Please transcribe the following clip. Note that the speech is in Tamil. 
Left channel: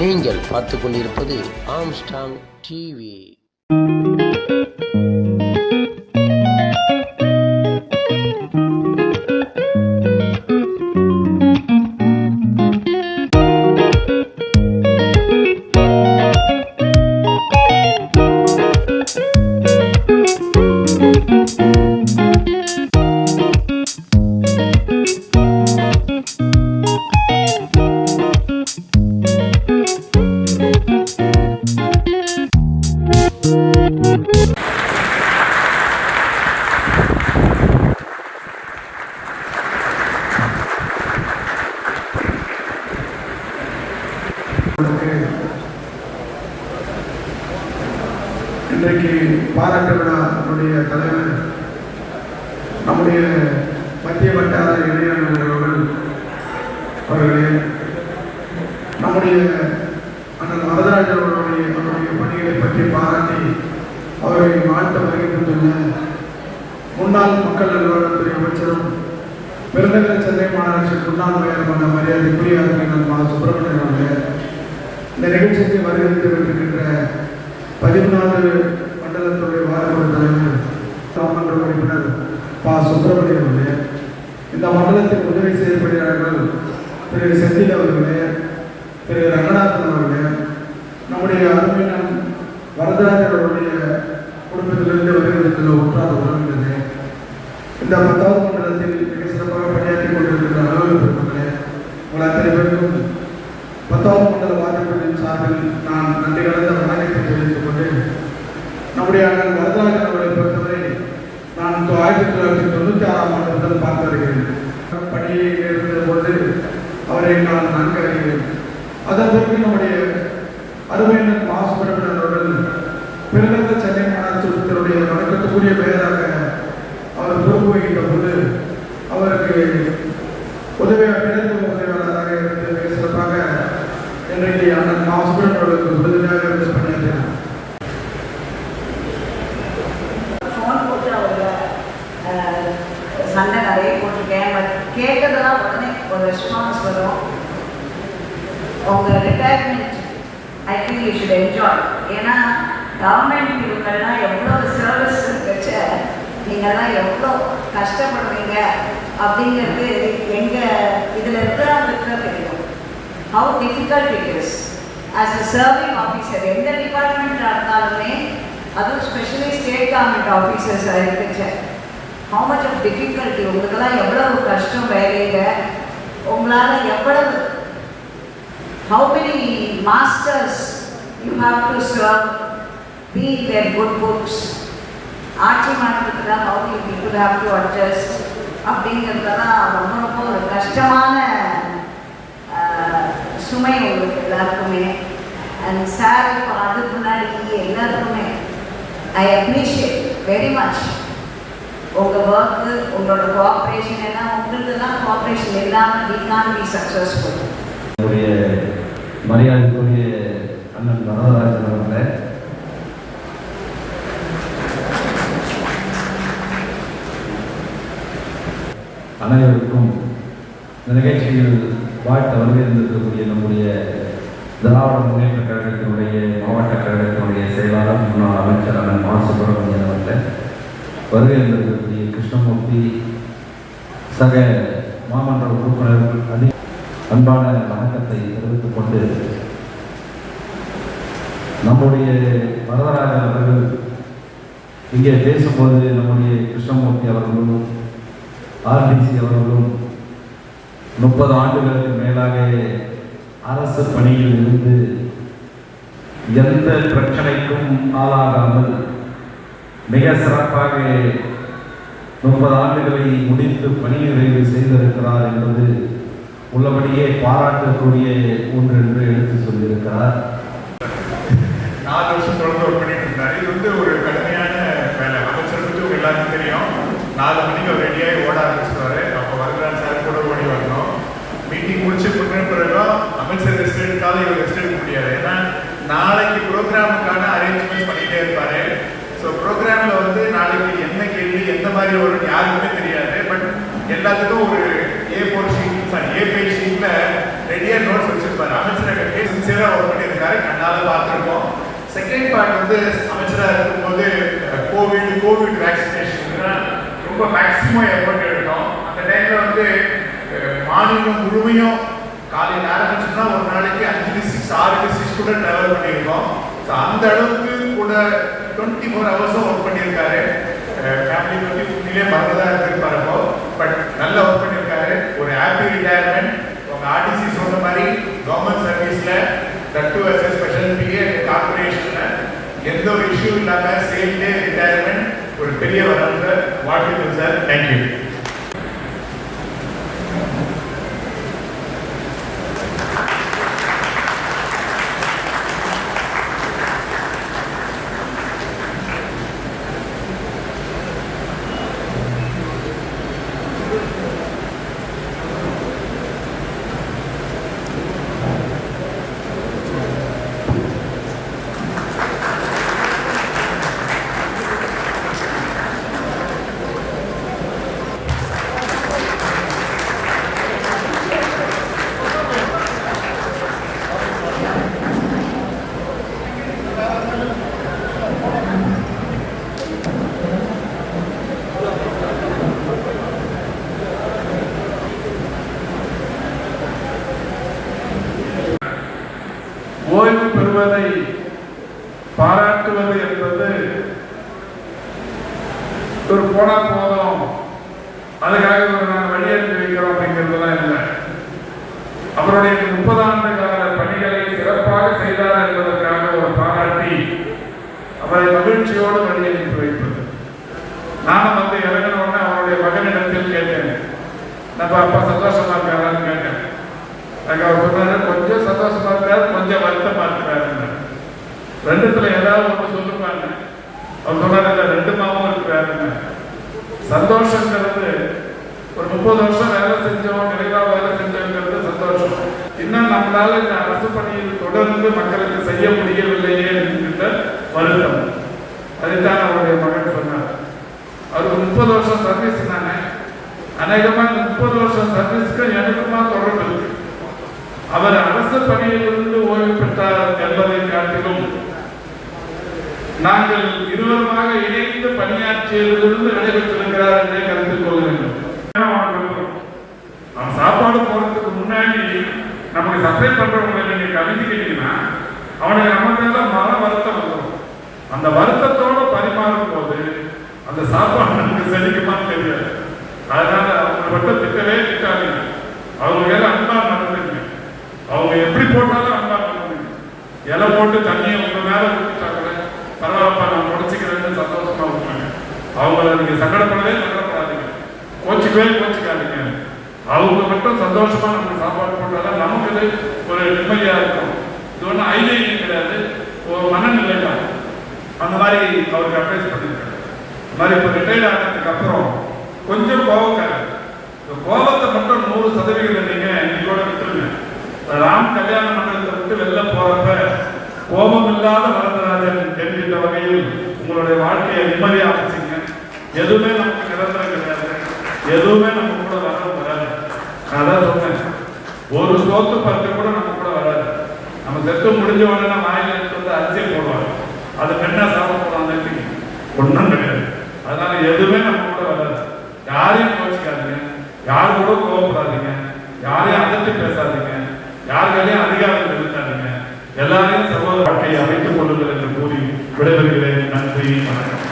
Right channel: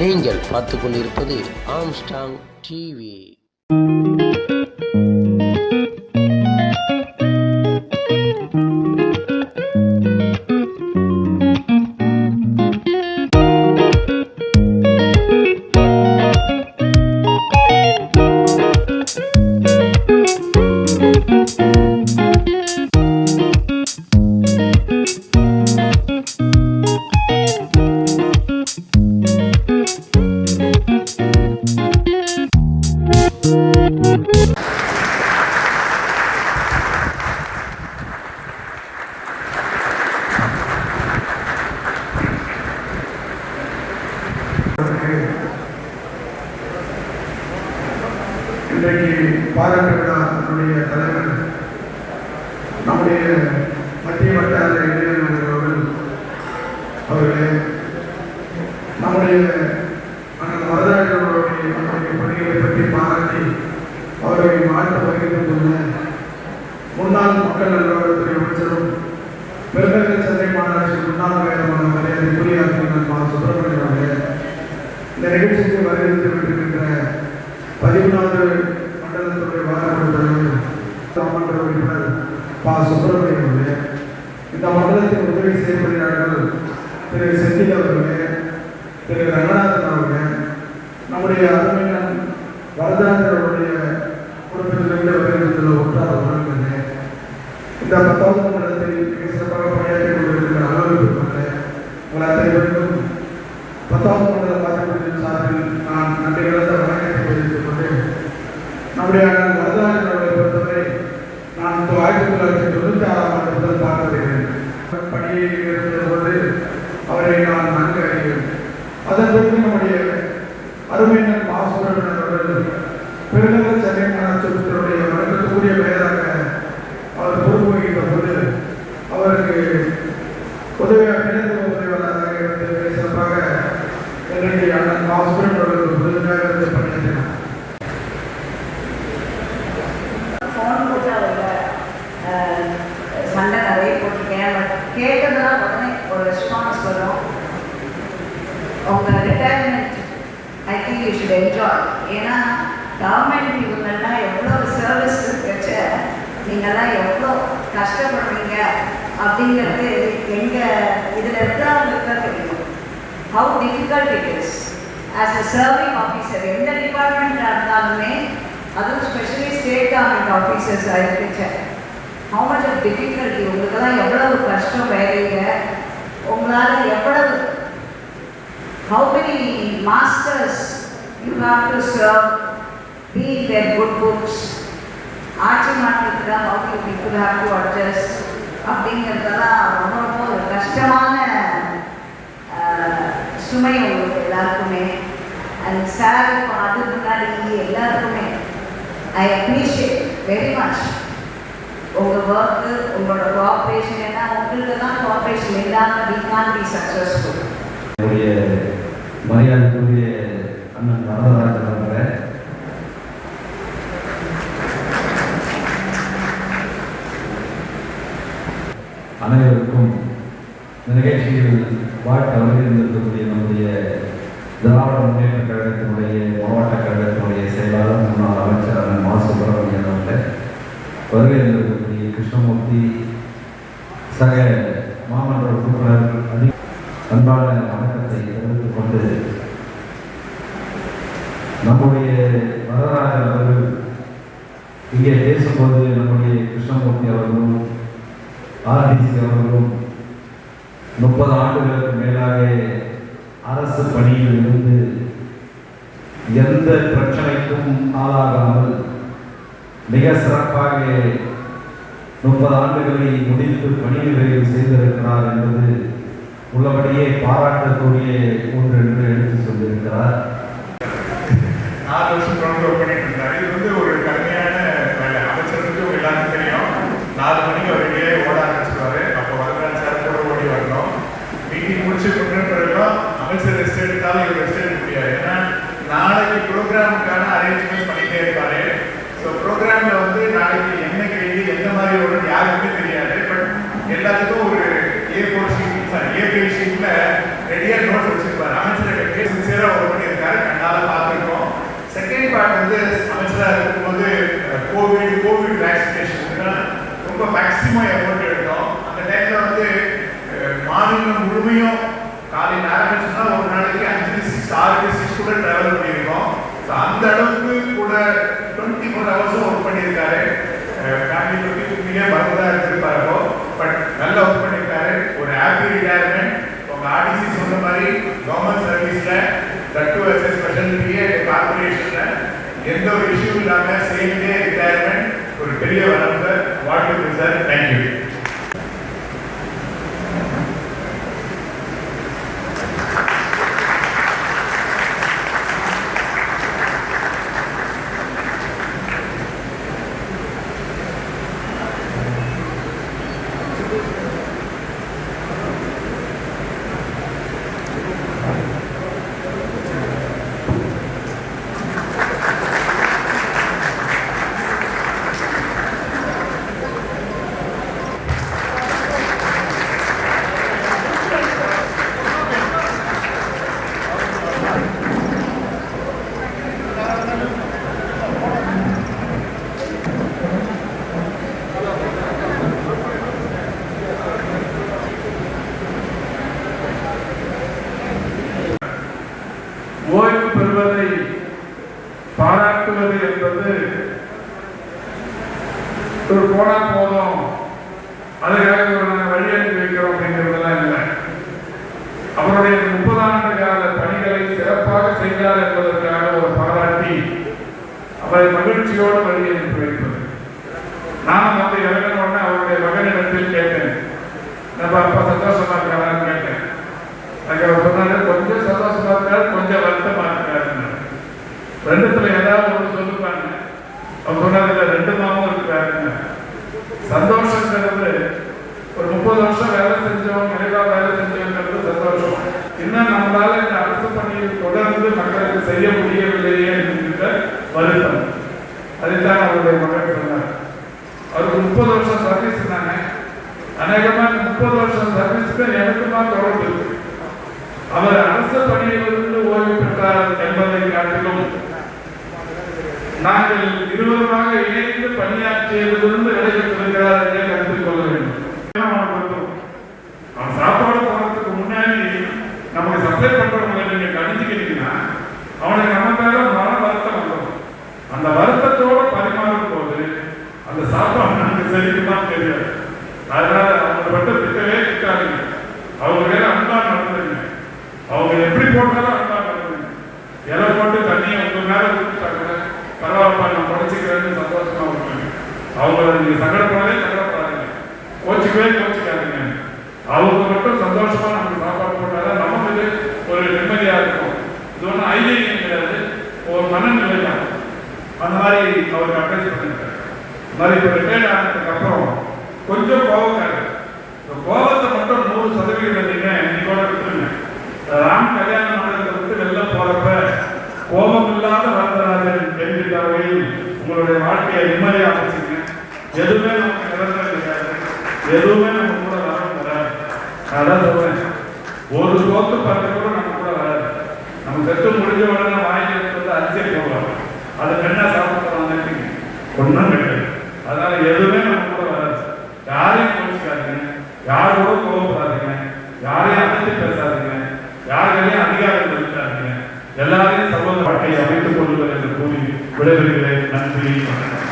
நீங்கள் பார்த்து கொண்டிருப்பது ஆம்ஸ்டாங் டிவி. இன்றைக்கு பாராட்டு விழா நம்முடைய தலைவர் நம்முடைய மத்திய வட்டார இளைஞர்கள் அவர்களே, நம்முடைய வரலாற்றுடைய பணிகளை பற்றி பாராட்டி அவரை வாழ்த்து வகிக்கின்றன முன்னாள் மக்கள் நல்வாழ்வுத்துறை அமைச்சரும் பெருநகர சென்னை மாநகராட்சி முன்னாள் மேயரான மரியாதைக்குரிய மா. சுப்பிரமணியன் அவர்களே, இந்த நிகழ்ச்சிக்கு வரவேற்று வருகின்ற 14வது மண்டலத்துடைய வாரத்துறை தலைவர் மாமன்ற உறுப்பினர் பா. சுப்பிரமணியன் அவர்களே, இந்த மண்டலத்தில் உதவி செய்யப்படுகிறார்கள் திரு செந்தில் அவர்களே, திரு ரங்கநாதன் அவர்களே, நம்முடைய அருமையான வரதராஜர் அவருடைய குடும்பத்திலிருந்து வருகிறதில் ஒன்றாக உணர்ந்தது. இந்த 10வது மண்டலத்தில் மிக சிறப்பாக பணியாற்றி கொண்டிருக்கிற அலுவலகத்திற்குள்ளே உங்கள் அனைவருக்கும் 10வது மண்டல வாரத்தின் சார்பில் நான் நன்றி கலந்த வணக்கத்தை தெரிவித்துக் கொண்டு, நம்முடைய வரதராஜனுடைய பொறுத்தவரை நான் 1996ஆம் ஆண்டு முதல் பார்த்து வருகிறேன். பணியில் இருந்தபோது அவரை நான் நன்கு அறிகிறேன். அதன் பிறகு நம்முடைய அருமையினர் மா. சுப்பிரமணியன் அவர்கள் பெருநகர சென்னை மாநகராட்சியுடைய வழக்கத்துக்குரிய பெயராக அவர் பொறுப்பு வகித்த போது அவருக்கு உதவியாளராக இருந்து சிறப்பாக இன்றைக்கு அண்ணன் மா. சுப்பிரமணியன் அவர்களுக்கு உதவியாக இருந்து பணியாற்றினார். சண்டை நிறைய போட்டிருக்கேன். பட் கேட்டதெல்லாம் உடனே ஒரு ரெஸ்பான்ஸ் வரும். உங்கள் retirement I think you should enjoy. ஏன்னா கவர்மெண்ட் இவங்கெல்லாம் எவ்வளோ சர்வீஸ் வச்ச நீங்கள்லாம் எவ்வளோ கஷ்டப்படுவீங்க அப்படிங்கிறது எங்கள் இதில் இருக்கிறவங்களுக்கு தான் தெரியும். How difficult it is as a serving officer. எந்த டிபார்ட்மெண்ட்டாக இருந்தாலுமே, அதுவும் ஸ்பெஷலி ஸ்டேட் கவர்மெண்ட் ஆஃபீஸர்ஸாக இருக்குச்சு, how much of difficulty உங்களுக்கெல்லாம் எவ்வளவு கஷ்டம் வேலைங்க, உங்களால் எவ்வளவு how many masters you have to serve, be in their good books. ஆட்சி மாற்றத்தில் how you people have to adjust அப்படிங்கிறதெல்லாம் ரொம்ப ரொம்ப ஒரு கஷ்டமான சுமை உங்களுக்கு எல்லாருக்குமே. அண்ட் சார் அதுக்கு முன்னாடி எல்லாருக்குமே ஐ அப்ரிஷியேட் வெரி மச் உங்கள் ஒர்க்கு, உங்களோட கோஆப்ரேஷன். ஏன்னா உங்களுக்கு தான் கோஆப்ரேஷன் இல்லாமல் we can't be successful. என்னுடைய மரியாதைக்குரிய அண்ணன் வரதராஜன் அவர்களே, அனைவருக்கும் நிகழ்ச்சியில் வாழ்த்து வருகின்றிருக்கக்கூடிய நம்முடைய திராவிட முன்னேற்ற கழகத்தினுடைய மாவட்ட கழகத்தினுடைய செயலாளர் முன்னாள் அமைச்சர் மா. சுப்பிரமணியன் அவர்களே, வருகின்றிருக்கக்கூடிய கிருஷ்ணமூர்த்தி சக மாமன்ற உறுப்பினர்கள் அன்பான வணக்கத்தை தெரிவித்துக் கொண்டு, நம்முடைய வரதராஜன் அவர்கள் இங்கே பேசும்போது நம்முடைய கிருஷ்ணமூர்த்தி அவர்களும் ஆர்டிசி அவர்களும் 30 ஆண்டுகளுக்கு மேலாக அரசு பணியில் இருந்து எந்த பிரச்சனைக்கும் ஆளாகாமல் மிக சிறப்பாக 30 ஆண்டுகளை முடித்து பணி நிறைவு செய்திருக்கிறார் என்பது உள்ளபடியே பாராட்டக்கூடிய ஒன்று என்று எடுத்து சொல்லியிருக்கிறார். 4 வருஷம் தொடர்பு பண்ணிட்டு இருந்தார். இது வந்து ஒரு கடுமையான வேலை. அமைச்சருக்கு எல்லாருக்கும் தெரியும். 4 மணிக்கு ஒரு வெளியே ஓட ஆரம்பிச்சிருவாரு. அப்போ வரலாறு சார் கூட ஓடி வரணும். மீட்டிங் முடிச்சு கொண்டு பிறகும் அமைச்சர் ரெஸ்ட் எடுத்தாலும் இவர் ரெஸ்ட் எடுக்க முடியாது. ஏன்னா நாளைக்கு ப்ரோக்ராமுக்கான அரேஞ்ச்மெண்ட் பண்ணிட்டே இருப்பாரு. ஸோ ப்ரோக்ராமில் வந்து நாளைக்கு என்ன கேள்வி எந்த மாதிரி ஒரு யாருக்குமே தெரியாது. பட் எல்லாத்துக்கும் ஒரு A4 ஷீட் A5 ஷீட்டில் ரெடியாக நோட்ஸ் வச்சிருப்பாரு. அமைச்சர் சின்சியராக ஒரு இருக்கும்போது கோவிட் வேக்சினேஷன் ரொம்ப மேக்ஸிமம் எஃபர்ட் எடுத்தோம். அந்த டைம்ல வந்து மாநிலம் முழுமையும் காலையில் ஆரம்பிச்சுன்னா ஒரு நாளைக்கு 5-6 கூட டிராவல் பண்ணியிருக்கோம். அந்த அளவுக்கு கூட 24 ஹவர்ஸும் ஒர்க் பண்ணியிருக்காரு. ஃபேமிலி பற்றி உண்மையிலே மறந்துதான் இருந்திருப்பாரோ, பட் நல்லா ஒர்க் பண்ணியிருக்காரு. ஒரு ஹாப்பி ரிட்டையர்மெண்ட். உங்கள் ஆர்டிசி சொன்ன மாதிரி கவர்மெண்ட் சர்வீஸில் தட்டு ஸ்பெஷல் பிஏ கார்பரேஷனில் எந்த ஒரு இஷ்யூ இல்லாமல் சேஃப்டே ரிட்டையர்மெண்ட் ஒரு பெரிய வரலாறு. வாழ்த்துக்கள் சார். தேங்க்யூ. ஓய்வு பெறுவதை பாராட்டுவது என்பது ஒரு போனா போதும் அதுக்காக ஒரு நாங்கள் வெளியேற்றி வைக்கிறோம் அப்படிங்கிறதுலாம் இல்லை. அவருடைய 30 ஆண்டு கால பணிகளை சிறப்பாக செய்தார் என்பதற்காக ஒரு பாராட்டி அவரை மகிழ்ச்சியோடு வெளியேற்றி வைப்பது. நானும் வந்து இறங்கினோடனே அவருடைய மகனிடத்தில் கேட்டேன், நம்ம அப்பா சந்தோஷமா இருக்காரான்னு கேட்டேன். எனக்கு அவர் சொன்னாரு, கொஞ்சம் சந்தோஷமா இருக்காரு, கொஞ்சம் வருத்தமா இருக்காருன்னு. ரெண்டுத்துல ஏதாவது ஒன்று சொல்லுவாங்க. அவர் சொன்னாரு, இல்லை 2 மாவும் இருக்கிறாருன்னு. சந்தோஷங்கிறது ஒரு 30 வருஷம் வேலை செஞ்சவங்க, நிறைவா வேலை செஞ்சவங்கிறது சந்தோஷம். இன்னும் நம்மளால இந்த அரசு பணியில் தொடர்ந்து மக்களுக்கு செய்ய முடியவில்லையே என்கிற வருத்தம். அதுதான் அவருடைய மகன் சொன்னார். அவருக்கு 30 வருஷம் சர்வீஸ் தாங்க. அநேகமா இந்த 30 வருஷம் சர்வீஸ்க்கு எனக்குமா தொடர்பு இருக்கு. அவர் அரசு பணியிலிருந்து ஓய்வு பெற்றார் என்பதை காட்டிலும் நாங்கள் இருவருமாக இணைந்து பணியாற்றியதிலிருந்து விடைபெற்றிருக்கிறார் என்றே கருத்தில் கொள்ள வேண்டும். சாப்பாடு போனதுக்கு முன்னாடி நமக்கு சப்ளை பண்றவங்களை நீங்க கணிச்சுக்கிட்டீங்கன்னா அவனுக்கு நம்ம மேல மன வருத்தம் வரும். அந்த வருத்தத்தோட பரிமாறும் போது அந்த சாப்பாடு நமக்கு செழிக்குமா தெரியாது. அதனால அவங்க மட்டும் திட்டவே திட்டாதுங்க. அவங்க வேற அன்பா நடந்துங்க. அவங்க எப்படி போட்டாலும் அன்பா நடந்துங்க. இலை போட்டு தண்ணியை உங்க மேல ஊற்றிட்டாங்க, பரவாயில்லப்பா நான் முடிச்சுக்கிறேன்னு சந்தோஷமா இருப்பாங்க. அவங்க நீங்க சங்கடப்படவே சங்கடப்படாதீங்க, கோச்சிக்காதீங்க. அவங்க மட்டும் சந்தோஷமா நமக்கு சாப்பாடு போட்டாலும் நமக்கு ஒரு நிம்மதியா இருக்கும். இது ஒன்றும் ஐதீகம் கிடையாது, ஒரு மனநிலை தான். அந்த மாதிரி அவருக்கு அட்வைஸ் பண்ணிருக்காரு. இந்த மாதிரி இப்போ ரிட்டையர்ட் ஆனதுக்கு அப்புறம் கொஞ்சம் கோபக்காரு. இந்த கோபத்தை மட்டும் 100% நீங்க இன்னைக்கோட விட்டுருங்க. ராம் கல்யாண மண்டலத்தை விட்டு வெளில போறப்ப கோபம் இல்லாத வரதராஜன் என்கிற வகையில் உங்களுடைய வாழ்க்கையை நிம்மதியாக அமைச்சிங்க. எதுவுமே நமக்கு நிரந்தரம் கிடையாது, எதுவுமே நம்ம கூட வரவும் வராது. அதான் சொல்றேன், ஒரு சோத்து பருத்தி கூட நம்ம கூட வராது. நம்ம செத்து முடிஞ்ச உடனே வாயிலுக்கு வந்து அரிசியை போடுவாங்க, அதை பெண்ணா சாப்பிடுவாங்க, ஒன்றும் கிடையாது. அதனால எதுவுமே நம்ம கூட வராது. யாரையும் கோச்சிக்காதீங்க, யாரோட கோபப்படாதீங்க, யாரையும் அதட்டி பேசாதீங்க, யாரையும் அதிகாரம் செலுத்தாதீங்க. எல்லாரையும் சமூக வாழ்க்கையை அமைத்துக் கொள்ளுங்கள் என்று கூறி விடைபெறுகிறேன். நன்றி, வணக்கம்.